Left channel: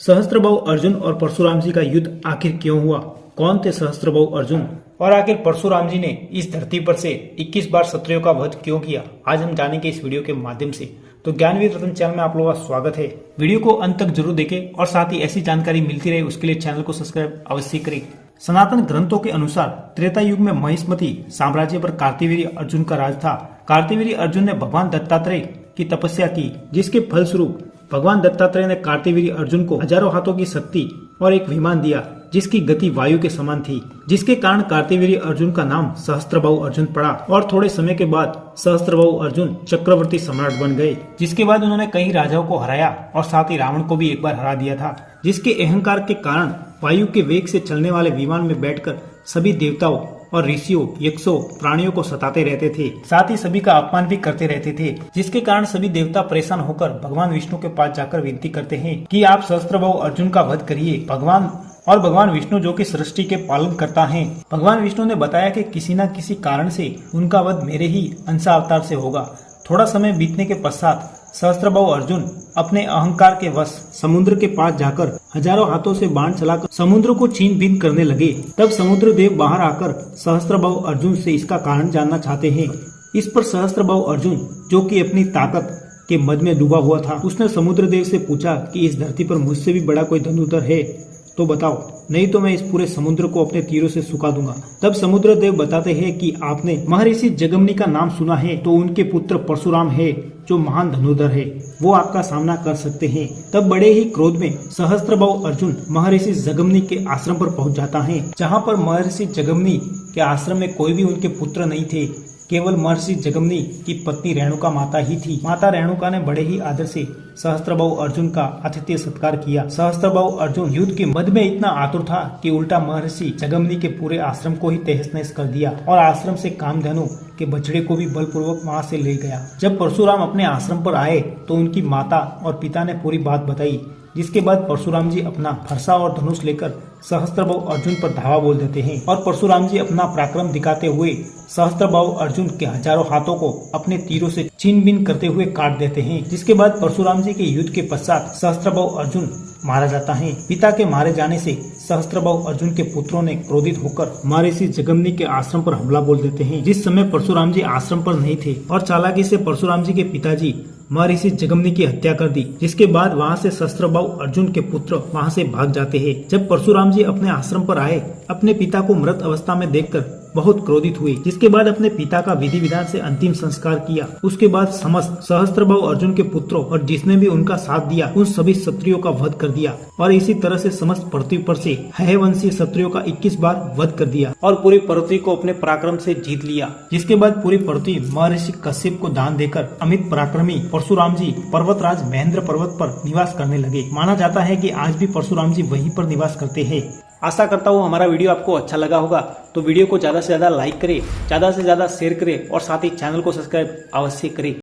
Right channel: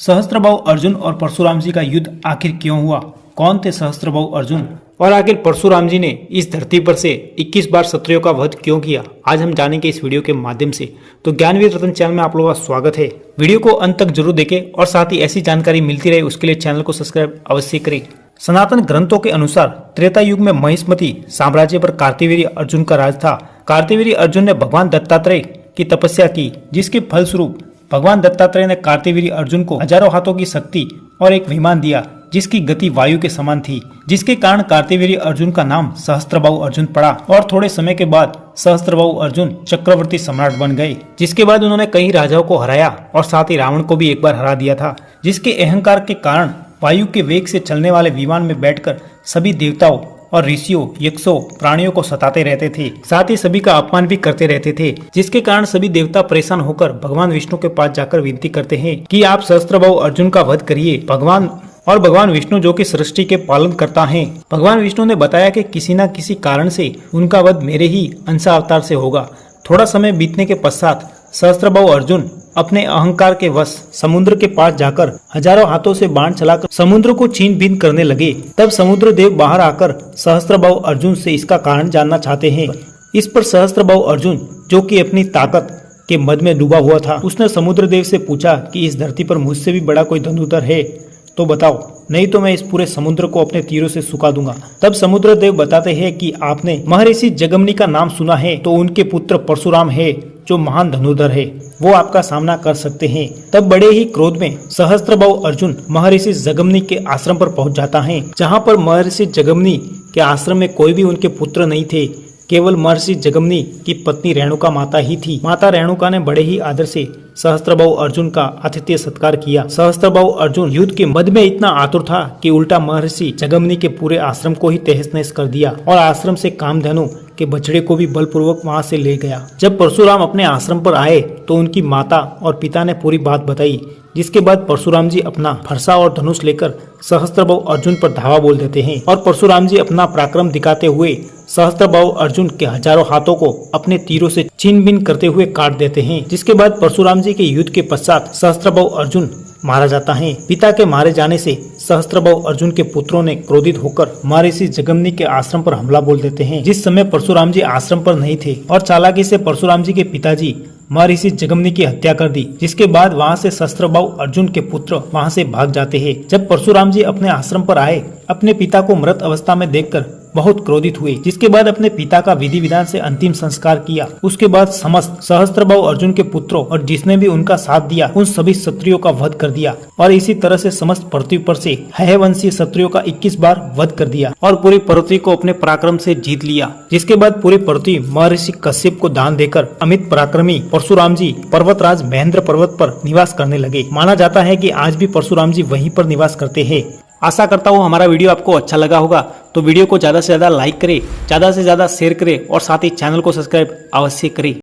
सहस्त्रबाहु अर्जुन और परशुराम जी का युद्ध आखिर क्यों हुआ? कौन थे सहस्त्रबाहु अर्जुन? और आखिर परशुराम जी ने इस धरती पर से 21 बार क्षत्रियों का वध क्यों किया? आज हम जानेंगे इस वीडियो के माध्यम से। तो ज्ञानवीर रत्न चैनल में आप लोगों का स्वागत है। वीडियो को अंत तक जरूर देखें और साथ ही ऐसी जानकारी मिलती रहे उसके लिए चैनल को सब्सक्राइब अवश्य करें। सनातन ग्रंथों के अनुसार त्रेता युग में महिष्मती साम्राज्य पर कार्तवीर्य अर्जुन का राज था। कार्तवीर्य अर्जुन ने भगवान दत्तात्रेय की तपस्या की, जिसके फलस्वरूप भगवान दत्तात्रेय ने कार्तवीर्य अर्जुन को हजारों हाथों की शक्ति और एक विमान दिया जिसकी गति वायु के समान थी, जिसके कारण कार्तवीर्य अर्जुन का नाम सहस्त्रबाहु अर्जुन पड़ा। और थोड़े समय के बाद सहस्त्रबाहु अर्जुन चक्रवर्ती सम्राट बन गए, जिसके बाद उन्होंने कई राजाओं को हराया और साथ ही रावण को भी एक बार हरा दिया था, जिसके अहंकार के कारण वायु के वेग से चलने वाले विमान में बैठकर सभी देवताओं और ऋषियों, यक्षों, प्राणियों को सताते रहते थे, साथ ही सभी का अपमान भी करते रहते थे, जिसके कारण सभी देवता परेशान होकर भगवान विष्णु के पास जाकर विनती करते हैं कि आप सहस्त्रबाहु अर्जुन का वध करिए। भगवान विष्णु जो कि सृष्टि के पालन करता है, भगवान विष्णु ने बताया कि किसी न किसी कारण से उनका वध मेरे ही अंशावतार से होगा। थोड़ा समय बीतने के पश्चात सहस्त्रबाहु अर्जुन अपने अहंकार के वश समुद्र के पास जाकर हजारों हाथों से बाण चलाकर समुद्र को छीन बीन करने लगे। तब समुद्र देव बाहर आकर सहस्त्रबाहु अर्जुन से इसका कारण जानना चाहते हैं। इस पर सहस्त्रबाहु अर्जुन, जो कि अपनी ताकत के मद में डूबा हुआ था, उसने समुद्र देव से पूछा कि इस धरती पर मुझसे भी बड़ा कोई धनुधर है तो बताओ, नहीं तो मैं इस पूरे समुद्र को अपने तीरों से सुखा दूंगा। तब समुद्र देव बताते हैं कि आपने महर्षि जगमनी का नाम सुना है, तो उनके पुत्र परशुराम है जो महान धनुधर है, वो आपका सामना कर सकते हैं। तब बड़े ही क्रोध में सहस्त्रबाहु अर्जुन महर्षि जगमनी के आश्रम पर पहुंच जाता है, जहां पर महर्षि जगमनी के आश्रम में कोई भी उनके पुत्र नहीं थे, केवल महर्षि जगमनी की पत्नी रेणुका माता ही थी। माता रेणुका ने बड़े ही आदर से सहस्त्रबाहु अर्जुन का आतिथ्य सत्कार किया। सहस्त्रबाहु अर्जुन युद्ध के मद में इतना आतुर था कि उल्टा महर्षि जगमनी के पूरे आश्रम को ही तहस नहस कर दिया और आश्रम से कामधेनु के बछड़े को भी बलपूर्वक वहां से ले गया। जब परशुराम अपने आश्रम पर आए तो उनकी माता और पिता ने पूरी बात बताई, जिसके बाद परशुराम जी अपना फरसा और धनुष लेकर सहस्त्रबाहु अर्जुन पर धावा बोल देते हैं और परशुराम जी अपना पराक्रम दिखाते हुए सहस्त्रबाहु अर्जुन के हजारों हाथों को अपने तीरों से छीन बीन करते हुए काट देते हैं। जिसके बाद परशुराम जी के युद्ध के पश्चात सहस्त्रबाहु अर्जुन मारा जाता है। पिता के मारे जाने से सहस्त्रबाहु अर्जुन के पुत्रों ने क्रोधित होकर महर्षि जगमनी के आश्रम पर हमला बोल देते हैं, जिस समय परशुराम जी आश्रम पर नहीं थे, और चालाकी से परशुराम जी के पिताजी महर्षि जगमनी की हत्या कर दी। जिसके बाद वहां से सहस्त्रबाहु अर्जुन के पुत्र वहां से भाग जाते हैं। जब परशुराम जी अपने आश्रम पर आए, अपने पिता को मृत अवस्था में देखकर बहुत क्रोधित हुए, जिसके बाद अपने पिता का विधि विधान से अंतिम संस्कार किया। उसके बाद समस्त सहस्त्रबाहु अर्जुन के पुत्रों और जिसने भी उनका साथ दिया उन सभी क्षत्रियों का वध कर दिया और इसी तरह से समस्त पृथ्वी पर से हयवंशी क्षत्रियों का 21 बार वध कर दिया और पूरी पृथ्वी को अपने पराक्रम से जीत लिया। जिसके बाद पूरी पृथ्वी महर्षि कश्यप को दान देकर अमित पराक्रमी परशुराम जी पर्वतराज महेंद्र पर्वत पर निवास करने लगे। माना जाता है कि आज भी परशुराम जी वहीं पर निवास करते हैं। आशा करता हूँ हमारा वीडियो आपको अच्छा लगा होगा, तो वीडियो को ज्यादा से ज्यादा लाइक करें, ज्यादा से ज्यादा शेयर करें और साथ ही चैनल को सब्सक्राइब अवश्य करें।